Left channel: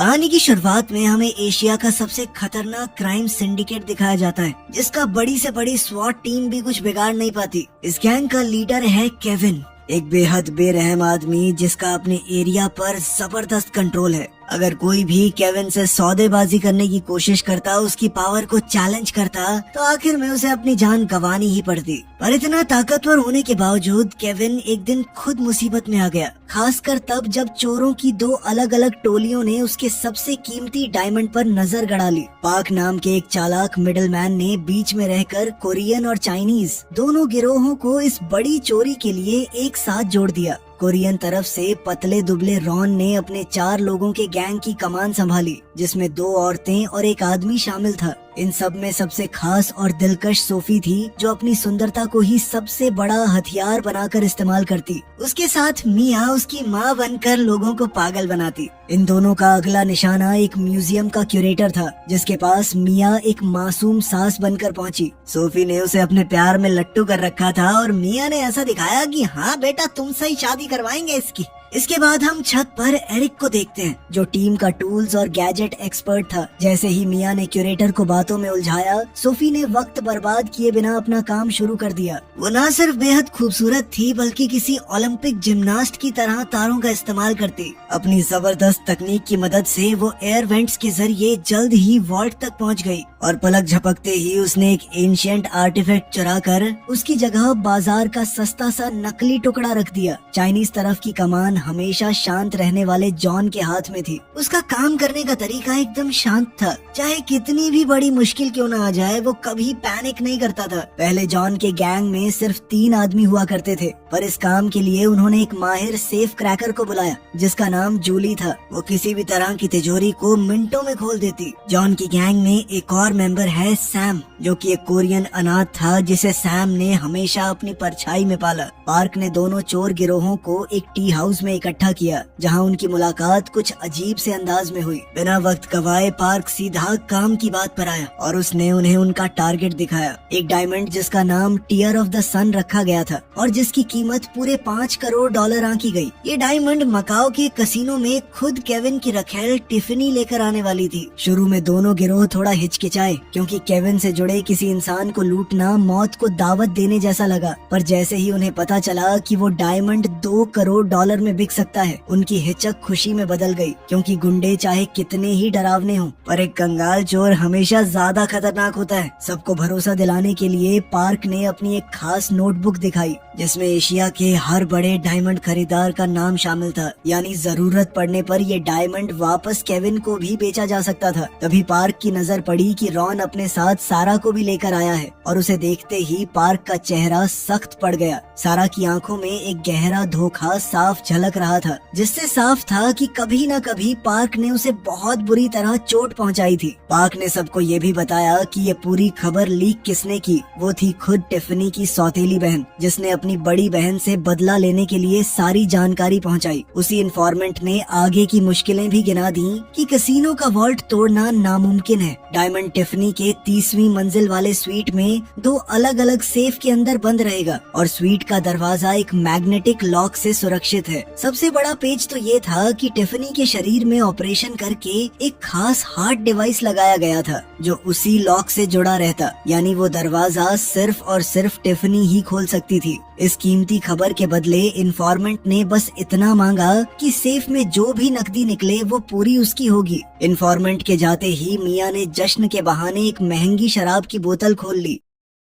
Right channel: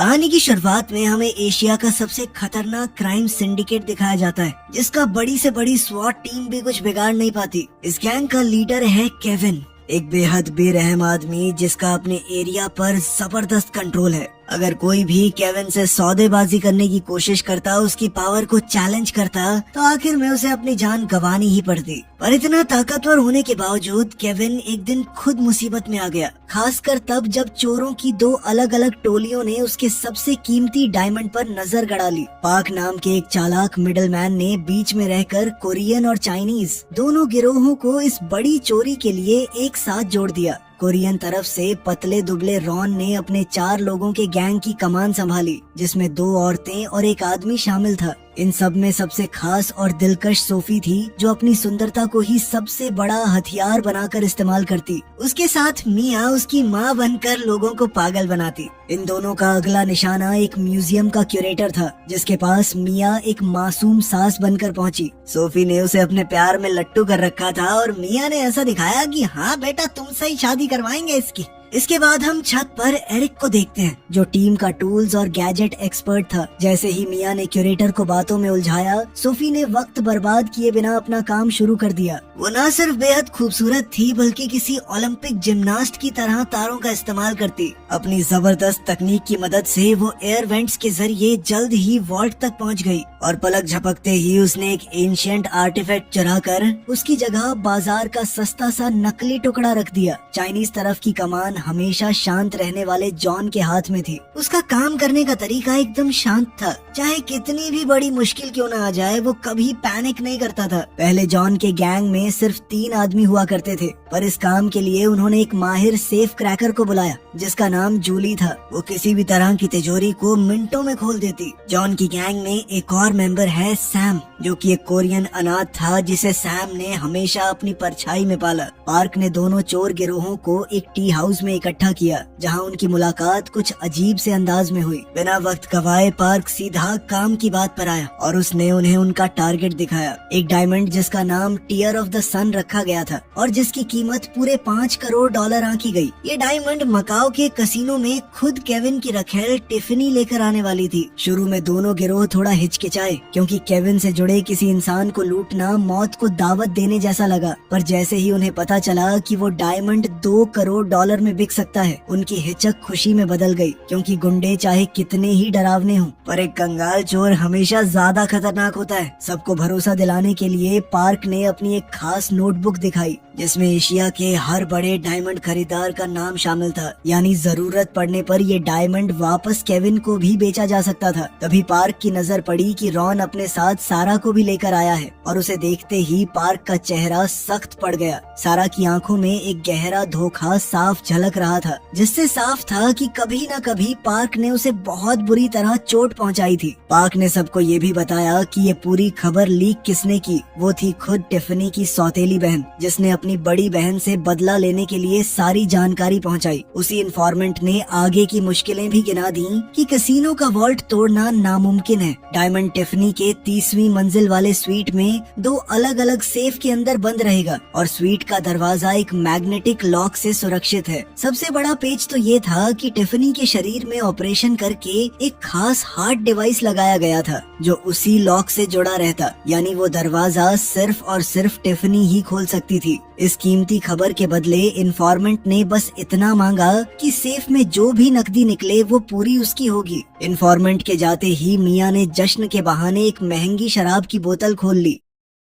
कहानी की शुरुआत में हमें एशिया का सबसे खतरनाक क्राइम सिंडिकेट दिखाया जाता है, जिसका बड़ी से बड़ी स्वॉट टीम भी कुछ बिगाड़ नहीं पाती। इस गैंग का लीडर है केविन, एक बेहद बेरहम आदमी जिसका अपने एरिया पर जबरदस्त कंट्रोल है। अगर कोई भी केविन से सौदेबाजी करने की कोशिश करता, उसकी पावर को चैलेंज करता, तो आखिर में उसे अपनी जान गंवानी ही पड़ती। पर इतना ताकतवर होने के बावजूद केविन एक दिन खुद मुसीबत में आ गया, खासकर तब जब चोरों की दो अलग अलग टोलियों ने उसके सबसे कीमती डायमंड पर नजर गड़ा ली। पाक नाम के एक चालाक मिडलमैन ने बीच में रहकर कोरियन और चाइनीज दोनों गिरोहों को इस बड़ी चोरी के लिए एक साथ जोड़ दिया। कोरियन तरफ से पतले दुबले रॉन ने अपने 4 लोगों के गैंग की कमान संभाली, जिसमें 2 औरतें और एक आदमी शामिल था। इन सब में सबसे खास और दिलकश सोफी थी, जो अपनी सुंदरता को ही सबसे बड़ा हथियार बनाकर इस्तेमाल करती। उसके साथ मिया उसकी माँ बनकर लोगों को पागल बनाती। इन दोनों का अगला निशाना एक म्यूजियम का क्यूरेटर था, जिसके पास मिया एक मासूम सास बनकर पहुंची। सोफी ने उसे अपने प्यार में लट्टू कर रखा था और मिया ने ऐसा दिखाया कि हाँ बेटा, तुमसे ही शादी करवाएंगे इसकी। इसके बाद हम छत पर एरिक को देखते हैं, जो टीम का टूल्स और गैजेट एक्सपर्ट था। जैसे ही मिया ने क्यूरेटर को बातों में उलझाया, सोफी ने वक्त बर्बाद किए बिना अपना काम शुरू कर दिया। वो न सिर्फ बेहद खूबसूरत थी, बल्कि किसी ओलंपिक जिम्नास्ट की तरह तारों का इस्तेमाल करती। अपनी जबरदस्त तकनीक की मदद से वो एयर वेंट्स के जरिए जल्द ही वॉल्ट तक पहुंच गई और पलक झपकते ही उसने एक एंशिएंट आर्टिफैक्ट चुरा कर उसकी जगह बाजार का सस्ता सा नकली टुकड़ा रख दिया। चाइनीज तरफ की कमान हमेशा शांत रहने वाले जॉन के हाथ में थी। उसका काम करने का तरीका एकदम शांत था। चाहे कितनी भी बड़ी मुश्किल क्यों न आ जाए, वो कभी पैनिक नहीं करता था। पहले जॉन के गैंग में सिर्फ 3 आदमी हुआ करते थे, पर इस काम के लिए उन्होंने एक माहिर सेफ क्रैकर को बुलाया, जिसका नाम जूली था। वो किसी भी तरह की तिजोरी को मिनटों में खोल देती। जॉन की गैंग में एक और मेंबर है सैम, जो कि एक कोरियन अनाथ था, जिसे सैम ने हमेशा अपनी परछाई में पाला। पार्क ने दोनों चोर गिरोहों को एक टी हाउस में इकट्ठा किया, जहां उनकी मुलाकात कुछ अजीब से अंदाज में हुई। बिना वक्त गवाए पार्क सीधा काम की बात पर आया और उसने उन्हें उनका टारगेट दिखाया, एक डायमंड जिसका नाम टीयर ऑफ द सन रखा गया था और जिसकी कीमत पूरे $5 करोड़ आंकी गई। ये डायमंड मकाओ के कसिनो में खुद केविन की रखेल टिफनी लेकर आने वाली थी। शुरू में दोनों गिरोह थोड़ा हिचकिचाए, क्योंकि केविन से जुड़े किसी इंसान को लूटना मौत को दावत देने जैसा लगा। पर जैसे ही उन्हें पता चला कि वो डायमंड $2 करोड़ में बिक सकता है, उनकी हिचक खुशी में बदल गई, क्योंकि गुंडे चाहे कितने ही डरावने हों, पर एक कंगाल चोर हमेशा ज्यादा खतरनाक होता है। सबको भरोसा दिलाने के लिए पार्क ने अपनी एक खास नोटबुक दिखाई, जिसमें एशिया के हर बड़े डायमंड खरीदार का नाम शामिल था। यानी जरूरत पड़ने पर ये डायमंड वापस केविन को भी बेचा जा सकता था। तभी पार्क की नजर पड़ी कि रॉन अपने साथ सारा को भी लेकर आया है, और उसे देखते ही पार्क का चेहरा सख्त पड़ गया। सारा की आंखों में एक गहरा धोखा साफ झलक रहा था, जिससे साफ था कि कभी न कभी पार्क ने उसे बहुत बुरी तरह चोट पहुंचाई थी। पार्क ने सबको ये भी बताया कि ये पूरी खबर लीक किसने की। वो थी खुद टिफनी की सौतेली बहन, जिसने अपनी बड़ी बहन से बदला लेने के लिए सारी जानकारी पहुंचाई। उसी इन्फॉर्मेंट ने आगे की मुश्किलें भी गिना दी कि कैसीनो का वॉल्ट तोड़ना नामुमकिन है। डायमंड टिफनी के 30वीं मंजिल वाले स्वीट में 2 अलग अलग सेफ के अंदर बंद रहेगा, और स्वीट का दरवाजा एक मैग्नेटिक लॉक से सुरक्षित है। सबसे बड़ा पेच तो ये था कि टिफनी के शरीर में ऑपरेशन करके एक खास हार्ट डिवाइस लगाया गया था, जो उसी लॉक से जुड़ा रहता। यानी वो दरवाजा सिर्फ और सिर्फ टिफनी ही खोल सकती थी। इस कीमती खबर के बदले इन्फॉर्मेंट ने बस इतना मांगा कि सेफ में जो भी नकदी निकले वो पूरी उसकी होगी। इन्फॉर्मेंट के जाते ही मिया ने जश्न के बहाने एक महंगी शराब की बोतल खोल ली।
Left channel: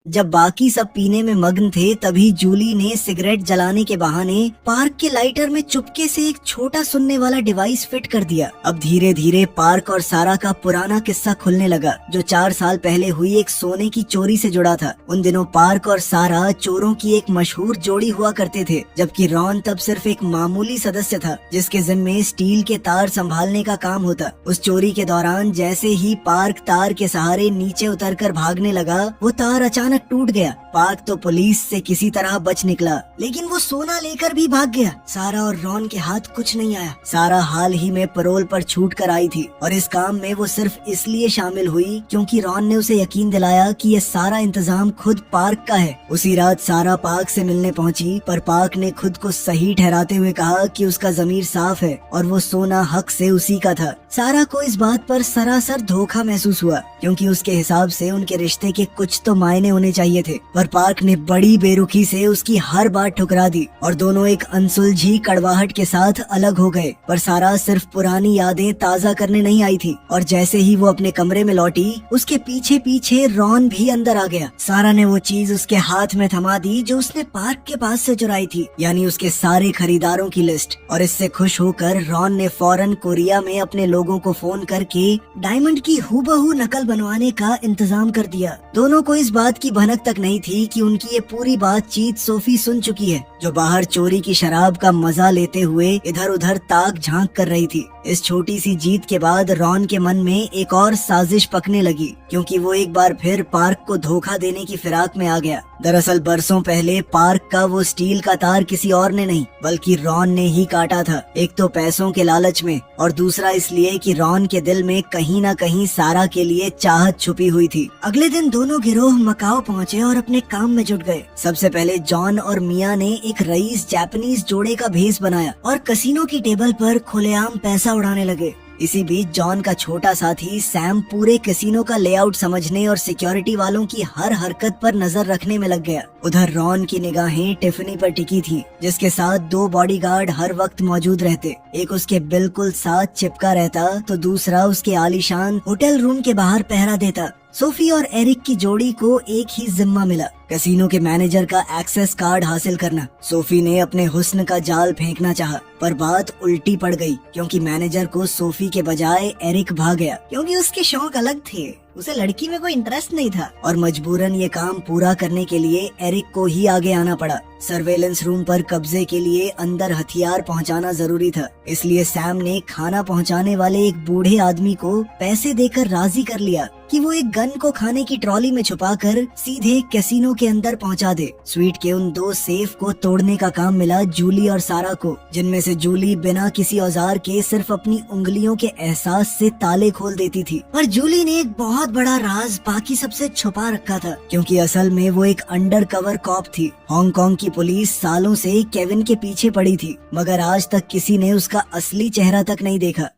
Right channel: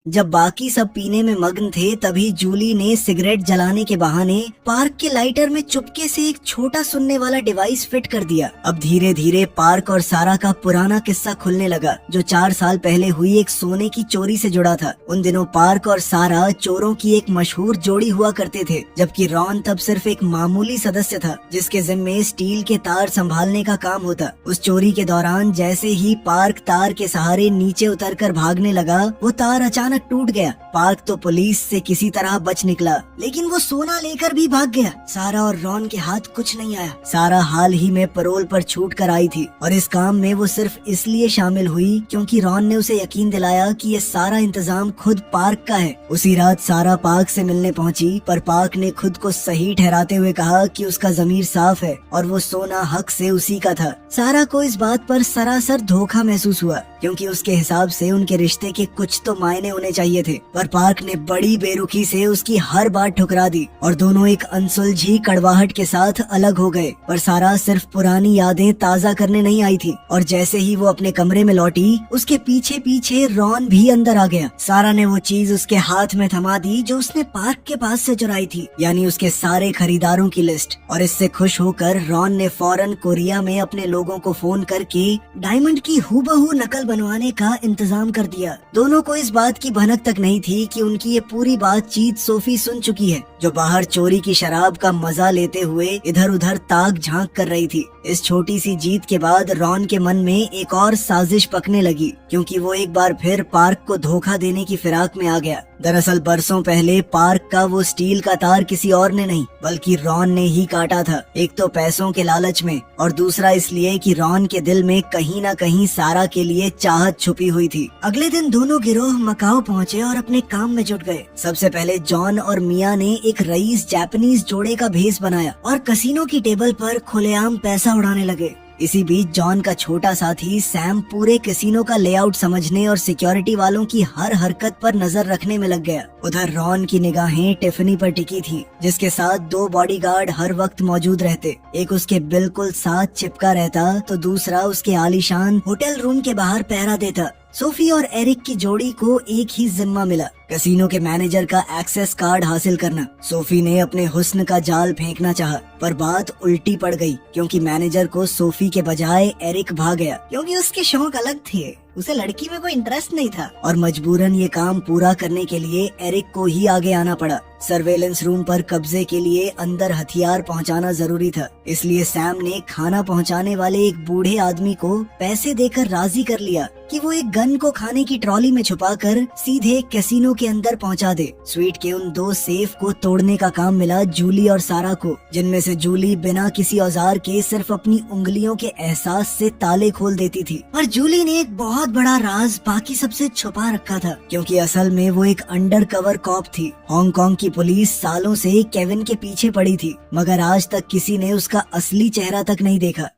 जब बाकी सब पीने में मग्न थे, तभी जूली ने सिगरेट जलाने के बहाने पार्क के लाइटर में चुपके से एक छोटा सुनने वाला डिवाइस फिट कर दिया। अब धीरे धीरे पार्क और सारा का पुराना किस्सा खुलने लगा, जो 4 साल पहले हुई एक सोने की चोरी से जुड़ा था। उन दिनों पार्क और सारा चोरों की एक मशहूर जोड़ी हुआ करते थे, जबकि रॉन तब सिर्फ एक मामूली सदस्य था, जिसके जिम्मे स्टील के तार संभालने का काम होता। उस चोरी के दौरान जैसे ही पार्क तार के सहारे नीचे उतरकर भागने लगा, वो तार अचानक अचानक टूट गया। पार्क तो पुलिस से किसी तरह बच निकला, लेकिन वो सोना लेकर भी भाग गया। सारा और रॉन के हाथ कुछ नहीं आया। सारा हाल ही में पैरोल पर छूट कर आई थी और इस काम में वो सिर्फ इसलिए शामिल हुई क्योंकि रॉन ने उसे यकीन दिलाया कि ये सारा इंतजाम खुद पार्क का है। उसी रात सारा पार्क से मिलने पहुंची, पर पार्क ने खुद को सही ठहराते हुए कहा कि उसका जमीर साफ है और वो सोना हक से उसी का था। सारा को इस बात पर सरासर धोखा महसूस हुआ, क्योंकि उसके हिसाब से उनके रिश्ते के कुछ तो मायने होने चाहिए थे, पर पार्क ने बड़ी बेरुखी से उसकी हर बात ठुकरा दी और दोनों एक अनसुलझी कड़वाहट के साथ अलग हो गए। पर सारा सिर्फ पुरानी यादें ताज़ा करने नहीं आई थी, और जैसे ही वो अपने कमरे में लौटी, उसके पीछे पीछे रॉन भी अंदर आ गया। सारा ने वो चीज उसके हाथ में थमा दी जो उसने पार्क के पास से चुराई थी, यानी उसके सारे खरीदारों की लिस्ट। और इससे खुश होकर रॉन ने फौरन कोरिया में अपने लोगों को फोन करके डायमंड की हूबहू नकल बनवाने का इंतजाम कर दिया। दोनों को इस बात की भनक तक नहीं थी कि उनकी ये पूरी बातचीत सोफी सुन चुकी है, जो बाहर चोरी की शराब का मजा लेते हुए इधर उधर ताक झांक कर रही थी। इस छोटी सी जीत के बाद रॉन के मन में एक और साजिश पकने लगी, क्योंकि वो एक बार फिर पार्क को धोखा देने की फिराक में आ गया। दरअसल बरसों पहले पार्क का वो स्टील का तार किसी और ने नहीं बल्कि रॉन ने ही काटा था। एक तो पैसों के लालच में, और दूसरा इसलिए कि रॉन के दिल में कहीं न कहीं सारा के लिए चाहत छुपी हुई थी। अगले दिन दोनों गिरोह मकाओ पहुँचे और अपने काम में जुट गए। सबसे पहले जॉन और मिया ने एक रईस जापानीज जोड़े का भेस बनाया और कसिनो की टेबल पर खुलेआम पैसा उड़ाने लगे। इसी बीच जॉन का छोटा साथी सैम पूरे कैसीनो का लेआउट समझने और सिक्योरिटी वालों की हर हरकत पर नजर रखने में लग गया। उधर रॉन की निगाहें टिफनी पर टिकी थी, जिसके साथ 2 बॉडीगार्ड हर वक्त मौजूद रहते। एक उसके बिल्कुल साथ चिपका रहता तो दूसरा उसके आलीशान होटल रूम के बाहर पहरा देता। सोफी और एरिक की जोड़ी को एक ही जिम्मा मिला, कैसीनो के मैनेजर का एक्सेस कार्ड हासिल करना। सोफी ने अपने हुस्न का जाल फेंकना चाहा, पर बात उल्टी पड़ गई, क्योंकि मैनेजर को सोफी के बजाय एरिक भाग गया, क्योंकि उसके शौक अलग थे। उसे लड़की में कोई इंटरेस्ट नहीं था और मजबूरन ये काम पूरा करने के लिए एरिक को ही आगे आना पड़ा। सर्वेलेंस रूम पर कब्जे के लिए अंदर हथियार पहुंचाना जरूरी था, इसलिए सैम ने खाना पहुंचाने वाले एक बूढ़े आदमी को पैसे देकर राजी कर लिया कि वो एक गन को खाने की ट्रॉली में छुपाकर सीधे कैसीनो के अंदर पहुंचा दे। स्वीट के उन 2 सेफ को तोड़ने का काम मिला जूली और सारा को, जिनमें से जूली बिना किसी औजार के सिर्फ अपनी उंगलियों के एहसास से ताले खोल देती थी, और जूली ने एक बहुत बड़ा राज बाकी सबसे छुपा रखा था, क्योंकि असल में वो एक अंडर कवर कॉप थी। हांगकांग की पुलिस सालों से केविन के पीछे पड़ी थी, मगर आज तक किसी ने उसका असली चेहरा तक नहीं देखा।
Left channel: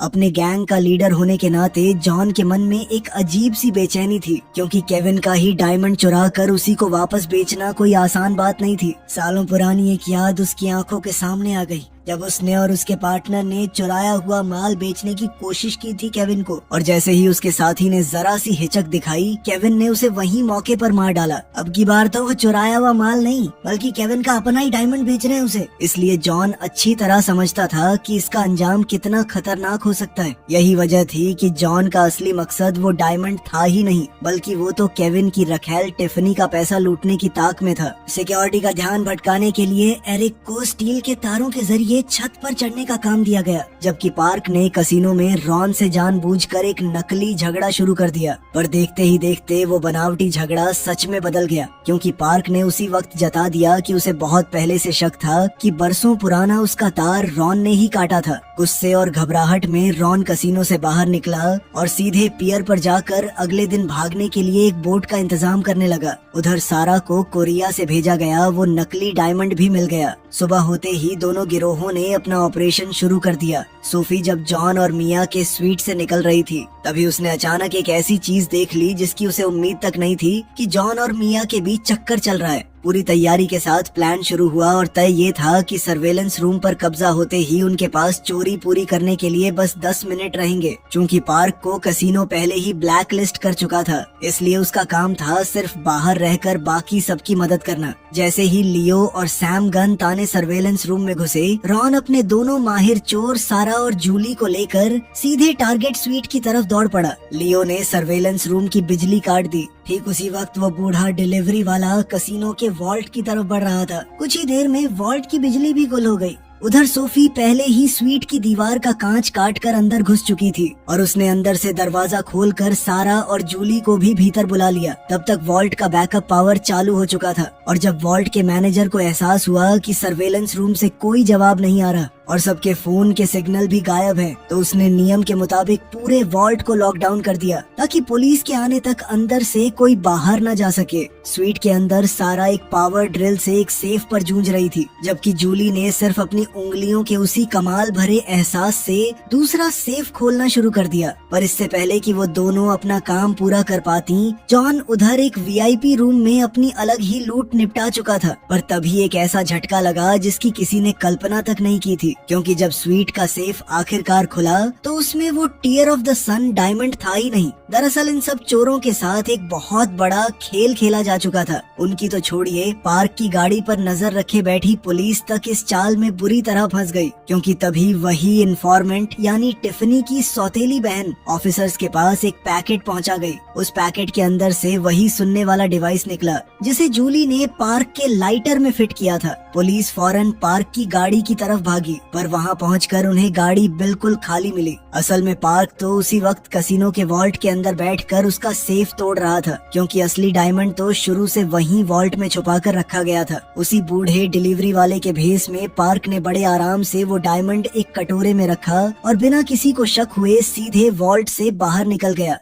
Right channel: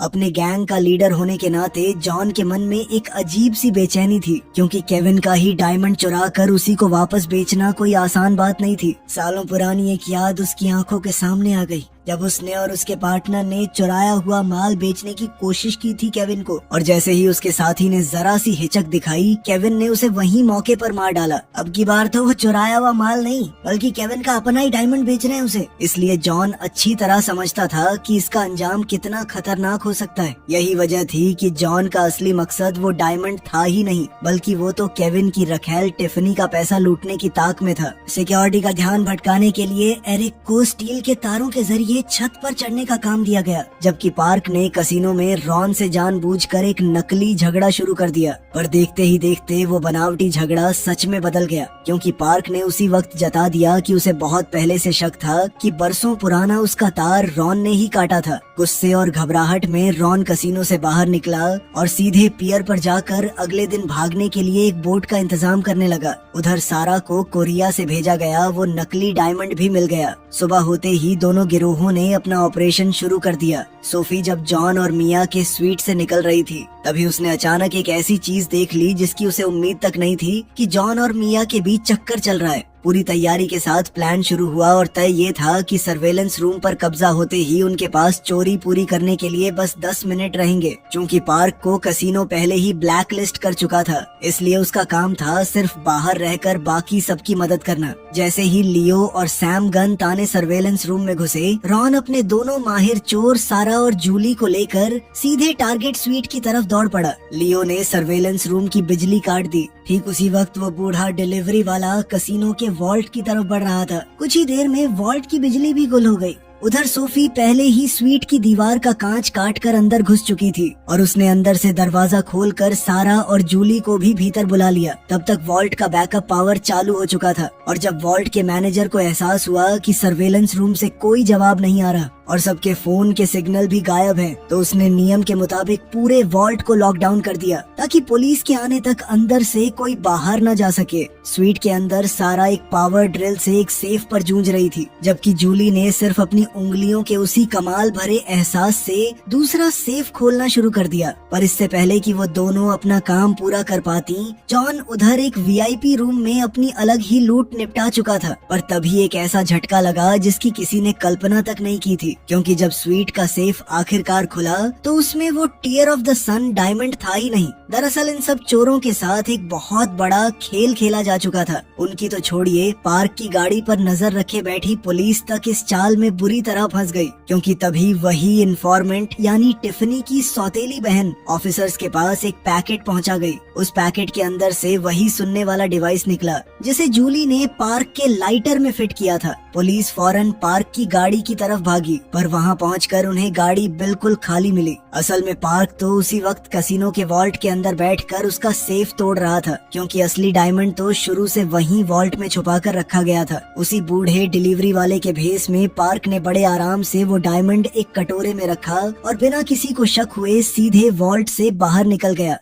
अपने गैंग का लीडर होने के नाते जॉन के मन में एक अजीब सी बेचैनी थी, क्योंकि केविन का ही डायमंड चुरा कर उसी को वापस बेचना कोई आसान बात नहीं थी। सालों पुरानी एक याद उसकी आंखों के सामने आ गई, जब उसने और उसके पार्टनर ने चुराया हुआ माल बेचने की कोशिश की थी केविन को, और जैसे ही उसके साथी ने जरा सी हिचक दिखाई, केविन ने उसे वहीं मौके पर मार डाला। अब की बार तो वो चुराया हुआ माल नहीं, बल्कि केविन का अपना ही डायमंड बेच रहे हैं उसे। इसलिए जॉन अच्छी तरह समझता था कि इसका अंजाम कितना खतरनाक हो सकता है। यही वजह थी कि जॉन का असली मकसद वो डायमंड था ही नहीं, बल्कि वो तो केविन की रखेल टिफनी का पैसा लूटने की ताक में था। सिक्योरिटी का ध्यान भटकाने के लिए एरिक को स्टील के तारों के जरिए छत पर चढ़ने का काम दिया गया, जबकि पार्क ने कसिनो में रॉन से जानबूझकर एक नकली झगड़ा शुरू कर दिया। पर देखते ही देखते वो बनावटी झगड़ा सच में बदल गया, क्योंकि पार्क ने उसी वक्त जता दिया कि उसे बहुत पहले से शक था कि बरसों पुराना उसका तार रॉन ने ही काटा था। गुस्से और घबराहट में रॉन कसिनो से बाहर निकला और सीधे पियर पर जाकर अगले दिन भागने के लिए एक बोट का इंतजाम करने लगा। उधर सारा को कोरिया से भेजा गया वो नकली डायमंड भी मिल गया। सुबह होते ही दोनों गिरोहों ने अपना ऑपरेशन शुरू कर दिया। सोफी जब जॉन और मिया के स्वीट से निकल रही थी, तभी उसने अचानक एक ऐसी चीज देख ली जिसकी उसे उम्मीद तक नहीं थी कि जॉन और मिया के बीच चक्कर चल रहा है। पूरी तैयारी के साथ प्लान शुरू हुआ और तय ये था कि सर्वेलेंस रूम पर कब्जा होते ही उनके पास चोरी पूरी करने के लिए बस 10 मिनट रहेंगे। चूंकि पार्क को कसिनो पहले ही ब्लैक लिस्ट कर चुका था, इसलिए उसका काम था सिर्फ बाहर रहकर बाकी सबकी मदद करना। जैसे ही लियो और सैम गन ताने सर्वेलेंस रूम में घुसे, रॉन अपने दोनों माहिर चोर सारा और जूली को लेकर सीधे टारगेट स्वीट की तरफ दौड़ पड़ा। लियो ने सर्वेलेंस रूम की बिजली काट दी। ठीक उसी वक्त वो बूढ़ा डिलीवरी वाला कसिनो के वॉल्ट की तरफ बढ़ रहा था। कुछ ही देर में वॉल्ट की बिजली भी गुल हो गई। उधर सोफी पहले ही स्वीट की दीवार का कांच काट कर अंदर घुस चुकी थी और उसने अंदर से दरवाजा खोलकर सारा और जूली को भी भीतर बुला लिया। तब तक वॉल्ट का बैकअप पावर चालू हो चुका था और जब वॉल्ट के मैनेजर को एहसास हुआ कि सर्वेलेंस रूम से कोई जवाब नहीं आ रहा और सबके फोन के सिग्नल भी गायब है, तो उसने नियम के मुताबिक पूरे वॉल्ट को लॉकडाउन कर दिया ताकि पुलिस के आने तक अंदर से कोई बाहर न जा सके। स्वीट के अंदर सारा एक पावर ड्रिल से एक सेफ पर जूझ रही थी, जबकि जूली ने सिर्फ अपनी उंगलियों के उसी कमाल भरे एहसास से दूसरा सेफ खोलना शुरू कर दिया। पर इससे पहले कि वो दोनों अपना काम पूरा कर पाती, जॉन उधर एक वीआईपी रूम में अपनी अलग ही लूट निपटा चुका था। पर तभी एक ऐसा झटका लगा जिसकी किसी ने कल्पना तक नहीं की थी, क्योंकि जब स्वीट का सेफ आखिरकार खुला तो उसमें वो tear of the sun diamond था ही नहीं। दरअसल इन सब चोरों के साथ एक बहुत बड़ा खेल खेला जा चुका था। उनकी तो छोड़िए, पार्क की गाड़ी पर नजर रखे बैठी पुलिस तक इस चाल में बुरी तरह फंस गई, क्योंकि तभी वही इन्फॉर्मेंट यानी टिफनी की सौतेली बहन ऑफिसर्स के पास एक पैकेट पहुंचा गई। उस पैकेट के अंदर से वही सुनने वाला डिवाइस निकला जिसे जूली ने पार्क के लाइटर में फिट किया था। पुलिस फौरन पार्क की गाड़ी की तरफ भागी, पर वहां पहुंचकर उन्हें गाड़ी बिल्कुल खाली मिली। असल में पार्क तो उसी वक्त कसिनो के वॉल्ट के अंदर बैठकर उसका सेफ तोड़ रहा था, क्योंकि असली डायमंड तो शुरू से वहीं वॉल्ट में छुपा कर रखा गया था। उसी बूढ़े डिलीवरी वाले के भेस में पार्क ने बड़े आराम से वो डायमंड एक कटोरे में रखा और बिना किसी को शक हुए सीधे वॉल्ट से बाहर निकल गया।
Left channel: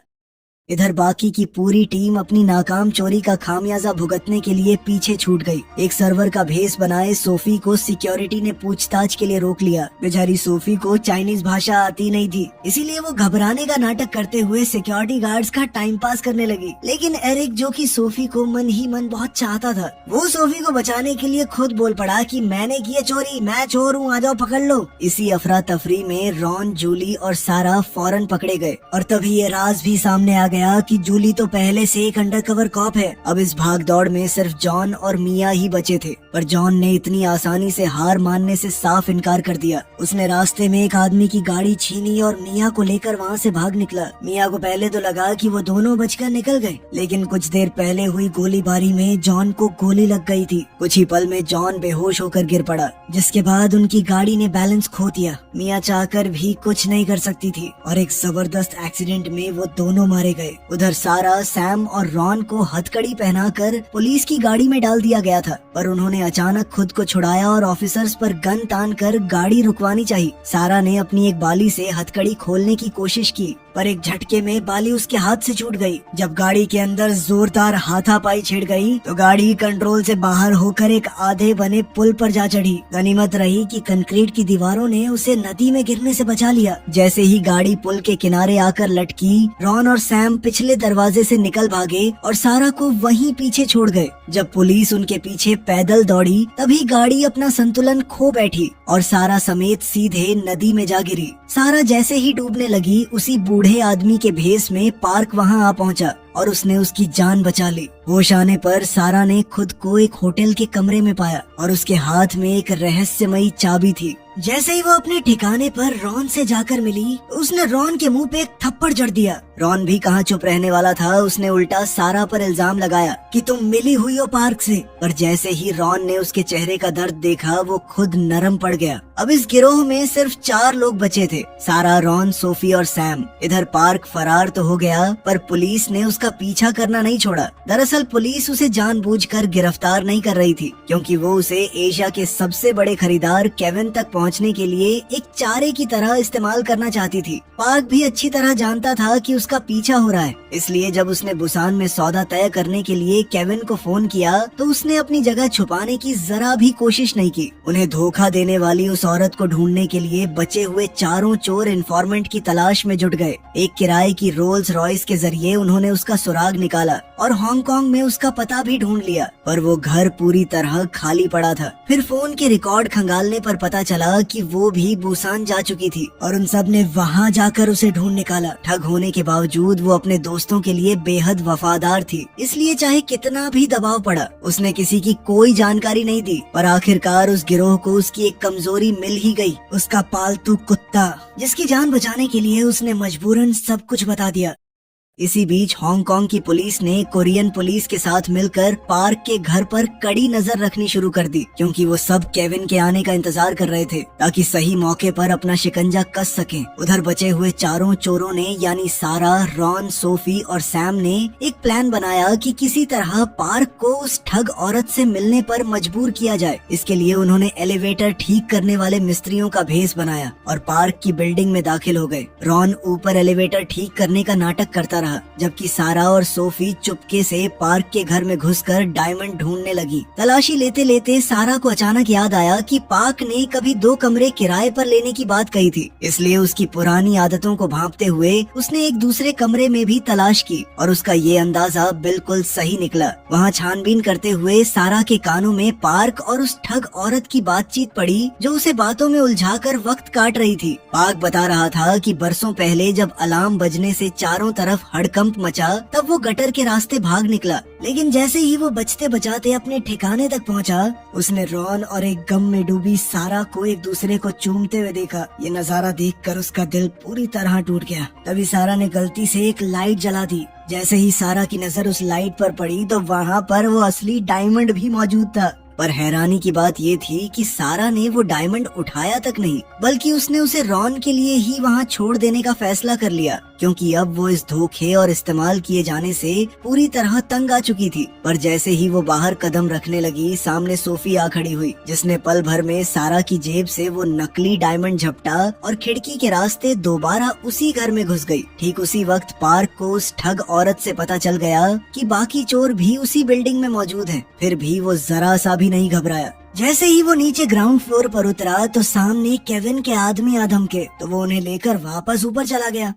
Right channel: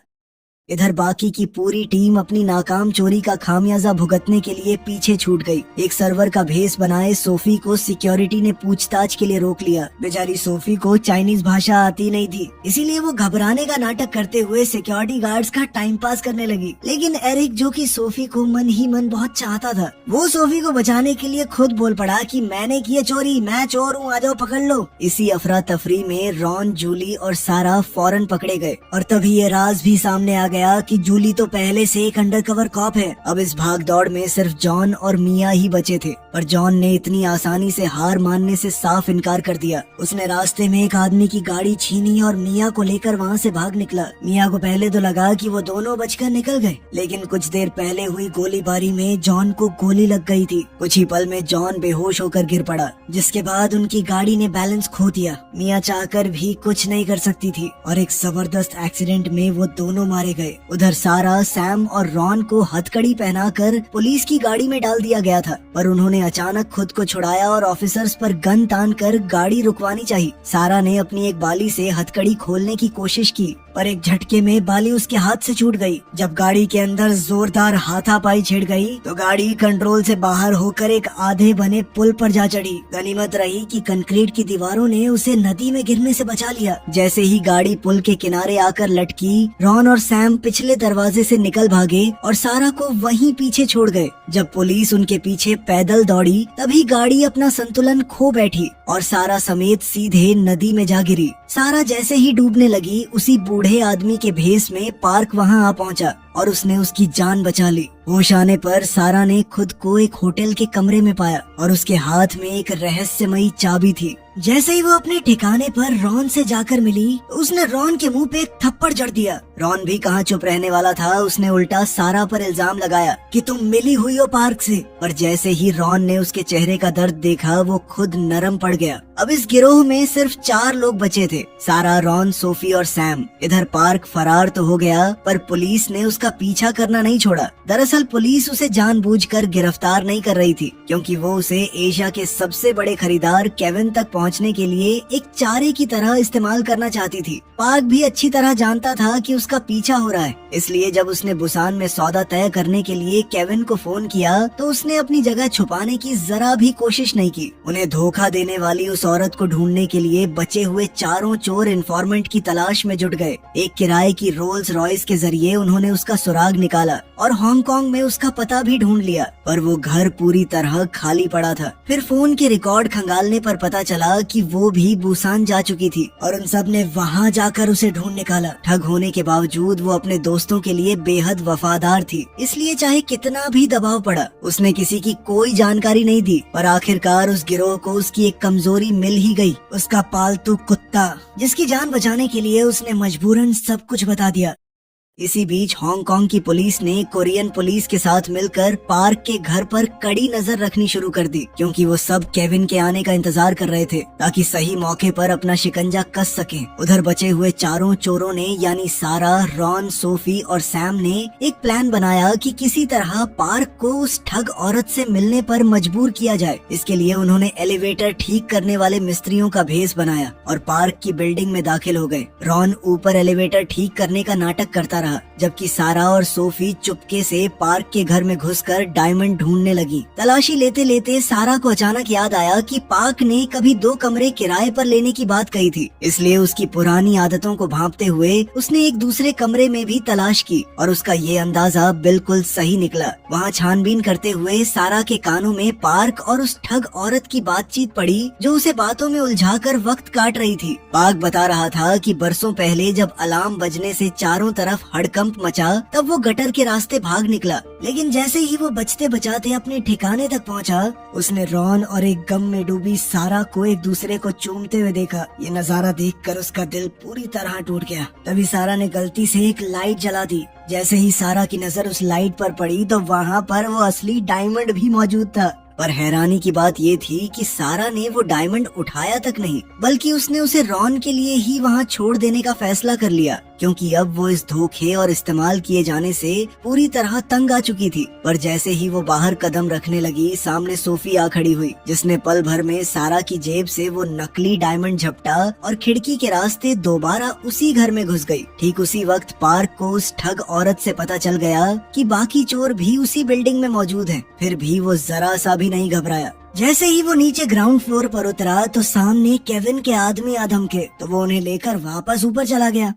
इधर बाकी की पूरी टीम अपनी नाकाम चोरी का खामियाजा भुगतने के लिए पीछे छूट गई। एक सर्वर का भेस बनाए सोफी को सिक्योरिटी ने पूछताछ के लिए रोक लिया। बेचारी सोफी को चाइनीज भाषा आती नहीं थी, इसीलिए वो घबराने का नाटक करते हुए सिक्योरिटी गार्ड्स का टाइम पास करने लगी। लेकिन एरिक, जो कि सोफी को मन ही मन बहुत चाहता था, वो सोफी को बचाने के लिए खुद बोल पड़ा कि मैंने की चोरी, मैं चोर हूँ, आ जाओ पकड़ लो। इसी अफरा तफरी में रॉन, जूली और सारा फौरन पकड़े गए और तभी ये राज भी सामने आ गया कि जूली तो पहले से एक अंडरकवर कॉप है। अब इस भाग दौड़ में सिर्फ जॉन और मिया ही बचे थे, पर जॉन ने इतनी आसानी से हार मानने से साफ इनकार कर दिया। उसने रास्ते में एक आदमी की गाड़ी छीनी और मिया को लेकर वहाँ से भाग निकला। मिया को पहले तो लगा कि वो दोनों बचकर निकल गए, लेकिन कुछ देर पहले हुई गोलीबारी में जॉन को गोली लग गई थी। कुछ ही पल में जॉन बेहोश होकर गिर पड़ा, जिसके बाद उनकी गाड़ी ने बैलेंस खो दिया। मिया चाहकर भी कुछ नहीं कर सकती थी और एक जबरदस्त एक्सीडेंट में वो दोनों मारे गए। उधर सारा, सैम और रॉन को हथकड़ी पहनाकर पुलिस की गाड़ी में डाल दिया गया था, पर उन्होंने अचानक खुद को छुड़ाया और ऑफिसर्स पर गन तान कर गाड़ी रुकवानी चाहिए। सारा ने अपनी एक बाली से हथकड़ी खोलने की कोशिश की, पर एक झटके में बाली उसके हाथ से छूट गई। जब गाड़ी के अंदर जोरदार हाथापाई छिड़ गई तो गाड़ी कंट्रोल से बाहर होकर एक आधे बने पुल पर जा चढ़ी। गनीमत रही कि कंक्रीट की दीवारों ने उसे नदी में गिरने से बचा लिया। जैसे ही गाड़ी पुल के किनारे आकर लटकी, रॉन और सैम पिछले दरवाजे से निकल भागे और सारा को वहीं पीछे छोड़ गए। जब पुलिस उनके पीछे पैदल दौड़ी तभी गाड़ी अपना संतुलन खो बैठी और सारा समेत सीधे नदी में जा गिरी। सारा जैसे ही डूबने लगी, उसी बूढ़े आदमी के भेस में पार्क वहां आ पहुंचा और उसने उसकी जान बचा ली। होश आने पर सारा ने खुद को एक होटल के कमरे में पाया और उसके हाथ में एक रहस्यमयी चाबी थी। जैसे ही वो अपने ठिकाने पर रॉन से जाकर मिली, उसने रॉन के मुंह पे एक थप्पड़ जड़ दिया। रॉन भी कहाँ चुप रहने वाला था, उसने उल्टा सारा पर इल्जाम लगाया कि तुम मिली हुई हो पार्क से। पर जैसे ही रॉन ने उसके चेहरे का दर्द देखा, वो खुद नरम पड़ गया। अब इस गिरोह में सिर्फ 4 लोग बचे थे, सारा, रॉन, सोफी और सैम। इधर पार्क फरार तो हो गया, पर पुलिस ने उसका पीछा करना नहीं छोड़ा। दरअसल पुलिस उसे जानबूझकर गिरफ्तार नहीं कर रही थी, क्योंकि वो उसे एशिया के सबसे बड़े खरीदार केविन तक पहुंचने के लिए एक चारे की तरह इस्तेमाल करना चाहती थी। पार्क भी अच्छी तरह जानता था कि उसका पीछा हो रहा है, इसलिए जब उसने बुसान में सौदा तय करने के लिए केविन को फोन किया तो उसने अपनी जगह छुपाने की जरा भी कोशिश नहीं की। उन्हें धोखा देने वाली उस औरत को ढूंढने के लिए बचे हुए चारों चोर इन्फॉर्मेंट की तलाश में जुट गए। एक किराए की रोल्स रॉयस के जरिए उन्होंने उसका सुराग निकाला और हांगकांग में उसका पता भी ढूंढ लिया, पर वो घर पूरी तरह खाली पड़ा था। फिर फोन के रिकॉर्ड खंगालने पर पता चला कि वो भी बुसान जा चुकी थी और उन सब ने वहाँ जाकर उसे ढूंढ निकाला। ठग होने के बावजूद वो अपने दोस्तों के लिए बेहद वफादार थी, इसलिए चाहे कितना भी दबाव पड़ा, उसने किसी की कोई जानकारी नहीं दी। और आखिरकार उस गिरोह को उसकी एक कमजोरी मिल ही गई, उसका पालतू कुत्ता, जिसकी जान बचाने के लिए उसने मजबूरन सब कुछ बता दिया। इसी बीच हांगकांग की पुलिस ने कोरियन पुलिस के साथ मिलकर पार्क के घर पर कड़ी नजर रखनी शुरू कर दी, क्योंकि वो सब केविन के आने का इंतजार कर रहे थे ताकि सही मौके पर अपना शिकंजा कस सके। उधर बचे हुए चारों चोरों ने यानी सारा, रॉन, सोफी और सैम ने एक प्लान बनाया कि किसी तरह पार्क को उस ठग औरत से मिलने पर मजबूर किया जाए। इसके लिए उन्होंने एलिवेटर ठीक करने वाले मिस्त्रियों का भेस बनाया और पार्क की बिल्डिंग में दाखिल हो गए। रॉन ऊपर एलिवेटर ठीक करने का नाटक करता रहा, जबकि सारा और सोफी चुपके से पार्क के घर में घुसकर डायमंड ढूंढने लगी। तलाशी लेते लेते सारा को अचानक याद आया कि पार्क ने कभी 2 कमरे किराए पर लेने की बात कही थी, इसलिए उसकी पुरानी आदतों को भांपते हुए उसने एक दूसरे कमरे में भी तलाश की और उसका ये अंदाजा बिल्कुल सही निकला। वहाँ छानबीन करते हुए सारा के कानों में पार्क और उस ठग औरत की बातचीत पड़ी, जो उसे बातों में उलझाकर वक्त काट रही थी। पार्क बता रहा था कि बरसों पहले जब अलार्म बजने से चारों तरफ हड़कंप मचा, तब वो गटर के रास्ते भाग निकला, लेकिन जैसे ही वो बचते बचाते अपने ठिकाने तक पहुंचा, उसने रॉन और एक गम में डूबी सारा को एक दूसरे को चूमते हुए देखा। ये नजारा देखकर उसका दिल पूरी तरह टूट गया। तभी सारा ने गलती से एक लाइट जला दी। जैसे ही सारा की नजर उस लाइट पर पड़ी तो वहाँ पर वो असली डायमंड भी मौजूद था। पर हैरानी की बात ये थी कि सारा ने वो डायमंड उठाया तक नहीं, बल्कि उसने उसे रॉन के लिए ही वहाँ छोड़ देने का फैसला कर लिया, क्योंकि अब वो इस धोखे और इस्तेमाल किए जाने से पूरी तरह तंग आ चुकी थी। पर जैसे ही वो बाहर कदम रखने लगी, सामने सोफी आ खड़ी हुई, जिसने पल भर में सारा की जेब से वो नकली डायमंड झपटा और खिड़की के रास्ते दोबारा उसी घर में घुस गई। ठीक उसी वक्त पार्क को उस ठग औरत से पता चल गया कि बाकी चोर भी उसी बिल्डिंग में मौजूद हैं। फिर भी वो जरा सा भी नहीं घबराया। जैसे ही वो नीचे ग्राउंड फ्लोर पर उतरा तो सामने केविन के आदमी आदम के, तो वो उन्हें लेकर वापस ऊपर चला गया।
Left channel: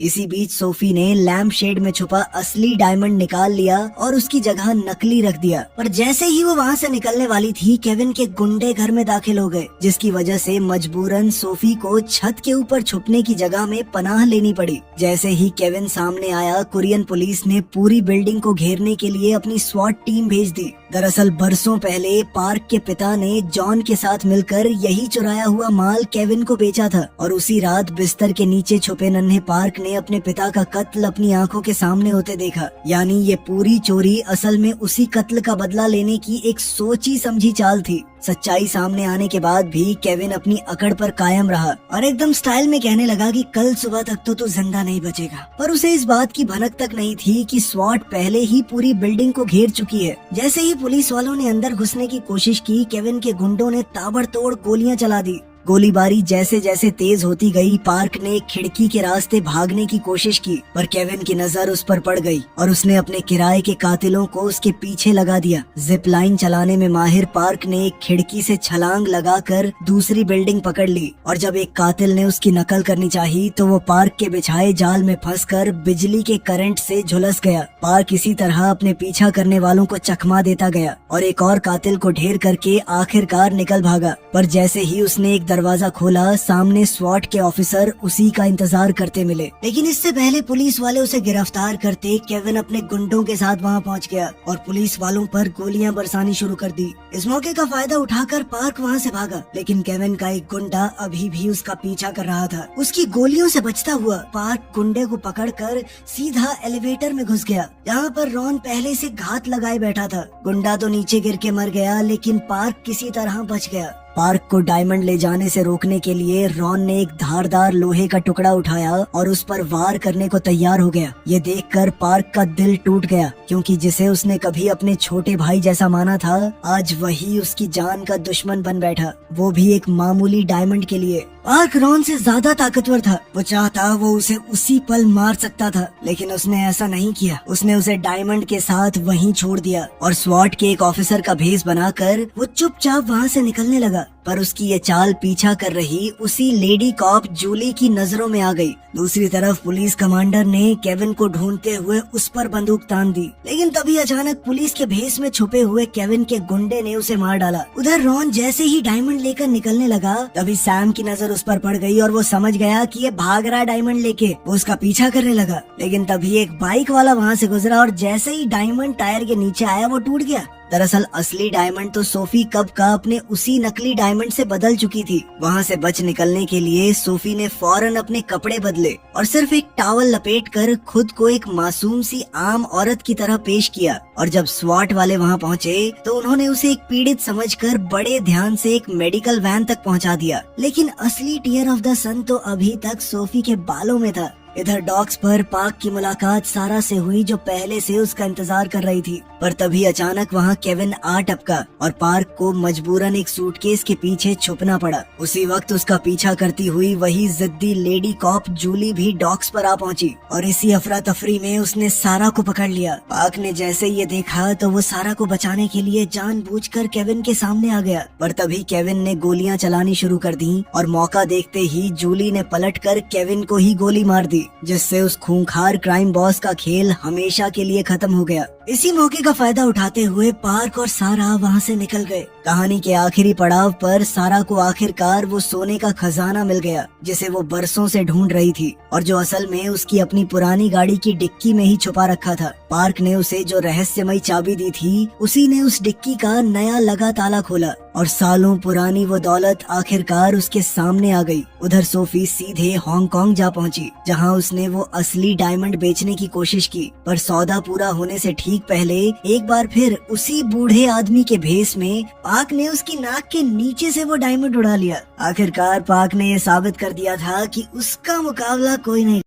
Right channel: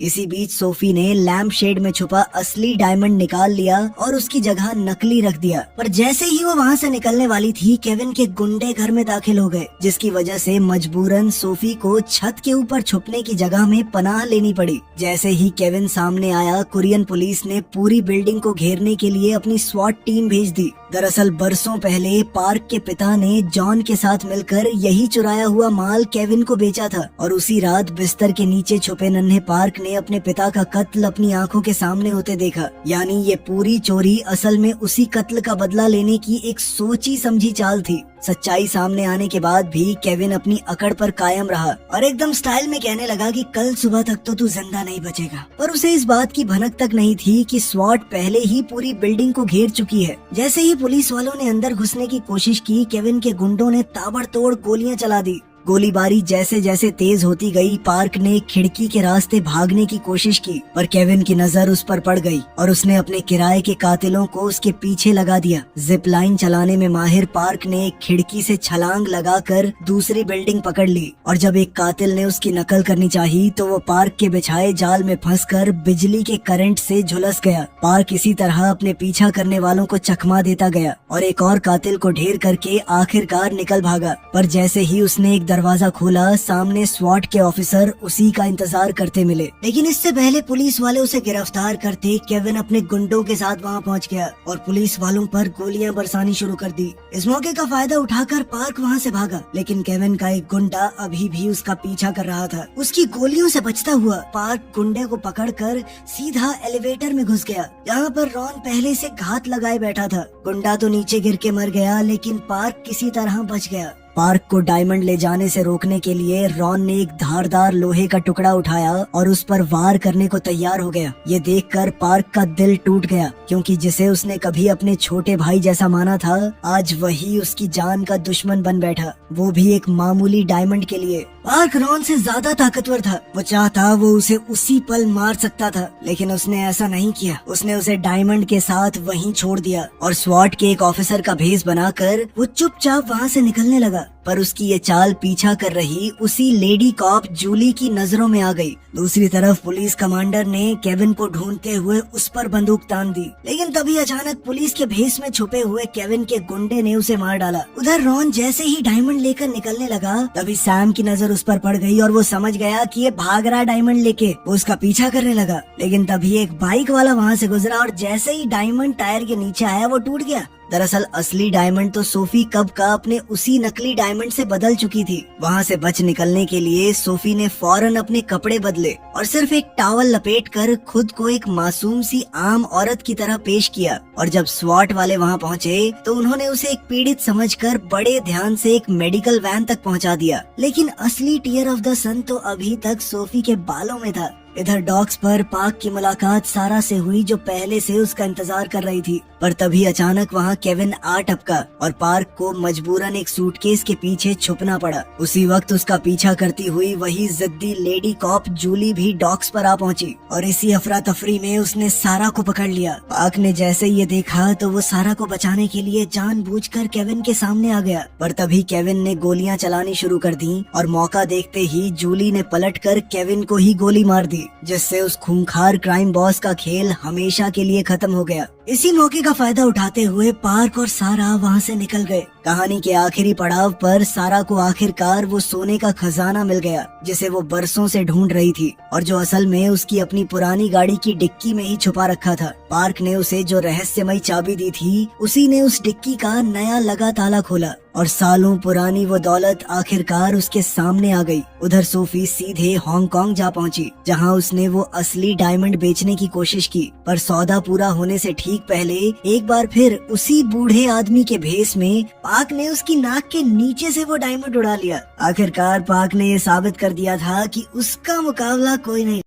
इसी बीच सोफी ने लैंप शेड में छुपा असली डायमंड निकाल लिया और उसकी जगह नकली रख दिया। पर जैसे ही वो वहाँ से निकलने वाली थी, केविन के गुंडे घर में दाखिल हो गए, जिसकी वजह से मजबूरन सोफी को छत के ऊपर छुपने की जगह में पनाह लेनी पड़ी। जैसे ही केविन सामने आया, कोरियन पुलिस ने पूरी बिल्डिंग को घेरने के लिए अपनी स्वॉट टीम भेज दी। दरअसल बरसों पहले पार्क के पिता ने जॉन के साथ मिलकर यही चुराया हुआ माल केविन को बेचा था और उसी रात बिस्तर के नीचे छुपे नन्हे पार्क ने अपने पिता का कत्ल अपनी आंखों के सामने होते देखा। यानी ये पूरी चोरी असल में उसी कत्ल का बदला लेने की एक सोची समझी चाल थी। सच्चाई सामने आने के बाद भी केविन अपनी अकड़ पर कायम रहा और एकदम स्टाइल में कहने लगा कि कल सुबह तक तो तू जिंदा नहीं बचेगा। पर उसे इस बात की भनक तक नहीं थी कि स्वॉट पहले ही पूरी बिल्डिंग को घेर चुकी है। जैसे ही पुलिस वालों ने अंदर घुसने की कोशिश की, केविन के गुंडों ने ताबड़तोड़ गोलियां चला दी। गोलीबारी जैसे जैसे तेज होती गई, पार्क ने खिड़की के रास्ते भागने की कोशिश की, पर केविन की नजर उस पर पड़ गई और उसने अपने किराए के कातिलों को उसके पीछे लगा दिया। जिप लाइन चलाने में माहिर पार्क ने एक खिड़की से छलांग लगाकर दूसरी बिल्डिंग पकड़ ली और जब एक कातिल ने उसकी नकल करनी चाहिए तो वो पार्क के बिछाए जाल में फंसकर बिजली के करंट से झुलस गया। पार्क इसी तरह अपने पीछा करने वालों को चकमा देता गया और एक और कातिल को ढेर करके आखिरकार निकल भागा। पर जैसे ही उसने एक दरवाजा खोला, सामने स्वॉट के ऑफिसर उसी का इंतजार करते मिले। लेकिन इससे पहले पुलिस वाले उसे गिरफ्तार करते केविन अपने गुंडों के साथ वहां पहुंच गया और पुलिस वालों पर गोलियां बरसानी शुरू कर दी। इस मौके का फायदा उठाकर पार्क वहां से भागा, लेकिन केविन का एक गुंडा अभी भी उसका पीछा कर रहा था। उसकी गोलियों से बचता हुआ पार्क गुंडे को पकड़कर सीधा एलिवेटर में घुस गया, जहाँ पर रॉन पहले से घात लगाए बैठा था। गुंडा तो नीचे गिर के मर गया, लेकिन पार्क किसी तरह बच गया। पार्क को डायमंड ले जाने से रोकने के लिए रॉन ने एक धारदार लोहे का टुकड़ा उठाया और उस पर वार करने को तैयार हो गया। ये देखकर पार्क का दिल टूट गया, क्योंकि जिसे उसने कभी अपने छोटे भाई जैसा माना था, आज वही उसकी जान का दुश्मन बन बैठा, वो भी एक मामूली डायमंड के लिए। पार्क रॉन से ज्यादा ताकतवर था। वो चाहता वो उसे उसी पल मार सकता था, लेकिन उसने ऐसा नहीं किया। उसने उसे डायमंड के साथ वहीं छोड़ दिया और स्वॉट के एक ऑफिसर का भेस बनाकर वो चुपचाप वहाँ से निकलने लगा। पर उसकी ये चाल पीछा कर रही उसी लेडी कॉप जूली की नजरों में आ गई। दूसरी तरफ पुलिस कमांडर ने केविन को ढूंढते हुए उस पर बंदूक तान दी, लेकिन तभी अचानक पुलिस के भेस में छुपे हुए केविन के गुंडे ने उसे मार डाला। उधर रॉन जैसे ही डायमंड लेकर निकलने लगा, तभी सैम की नजर उस पर पड़ गई और वो समझ गया कि ये भाग रहा डायमंड लेके। वो उसका पीछा करने लगा, लेकिन तभी एक बाइक वाला वहाँ से गुजरा और जैसे ही डायमंड टायर के नीचे आया, वो टूट गया दरअसल असली डायमंड तो सोफी कब का अपने उसी नकली डायमंड से बदल चुकी थी। वहाँ से बच निकलने के लिए सोफी ने फौरन अपने कपड़े बदले और सिर्फ एक टॉवल लपेटकर खुद को एक मासूम सी आम औरत की तरह पेश किया। और जब स्वॉट वाले वहाँ पहुँचे तो उन्होंने उसे एक पीड़ित समझकर बड़े ध्यान से एक मेडिकल वैन तक पहुँचा दिया। लेकिन असली टीयर ऑफ द सन तो अभी तक सोफी के बालों में था। इधर डॉक्स पर पार्क की मुलाकात सारा से हुई जो पहले से उसका इंतजार कर रही थी। पर तभी अचानक वहाँ केविन आ टपका और पार्क को मजबूरन एक सूटकेस के पीछे छुपना पड़ा। उसी वक्त उसका पीछा करती हुई वही जिद्दी लेडी कॉप जूली भी डॉक्स पर आ पहुंची और इसी अफरा तफरी में उसने सारा को पकड़ लिया। पार्क ने जैसे ये देखा तो वो सारा को बचाने के लिए जानबूझकर केविन के सामने आ गया। पर तभी केविन ने गोलियां चलानी शुरू कर दी और मौका देखते ही जूली ने पलटकर केविन को ही गोली मार दी, जिससे उस खूंखार क्राइम बॉस का खेल हमेशा के लिए खत्म हो गया। इसी मौके का फायदा उठाते हुए पार्क और सारा वहाँ से निकल गए। कहानी के आखिरी पड़ाव पर सारा को आखिरकार वो सोने का खजाना मिल गया जिसे वो बरसों से ढूंढ रही थी और जो असल में उसकी अपनी पुरानी गाड़ी की डिक्की में ही छुपा रखा था। पार्क ने उसे जो रहस्यमयी चाबी दी थी उसी ने उस डिक्की का नया लगा ताला खोला और सालों पुरानी वो दौलत आखिरकार उसके सामने आ गई। उधर सोफी सीधे हांगकांग जा पहुंची जहां उसने वो असली डायमंड बेचने की कोशिश की। पर सौदा पूरा होने से ठीक पहले एक बार फिर उसी बूढ़े आदमी के भेस में पार्क ने उसकी नाक के नीचे से वो डायमंड उड़ा लिया। आखिरकार पार्क ने ये साबित कर दिया था कि उसका मुकाबला कोई नहीं।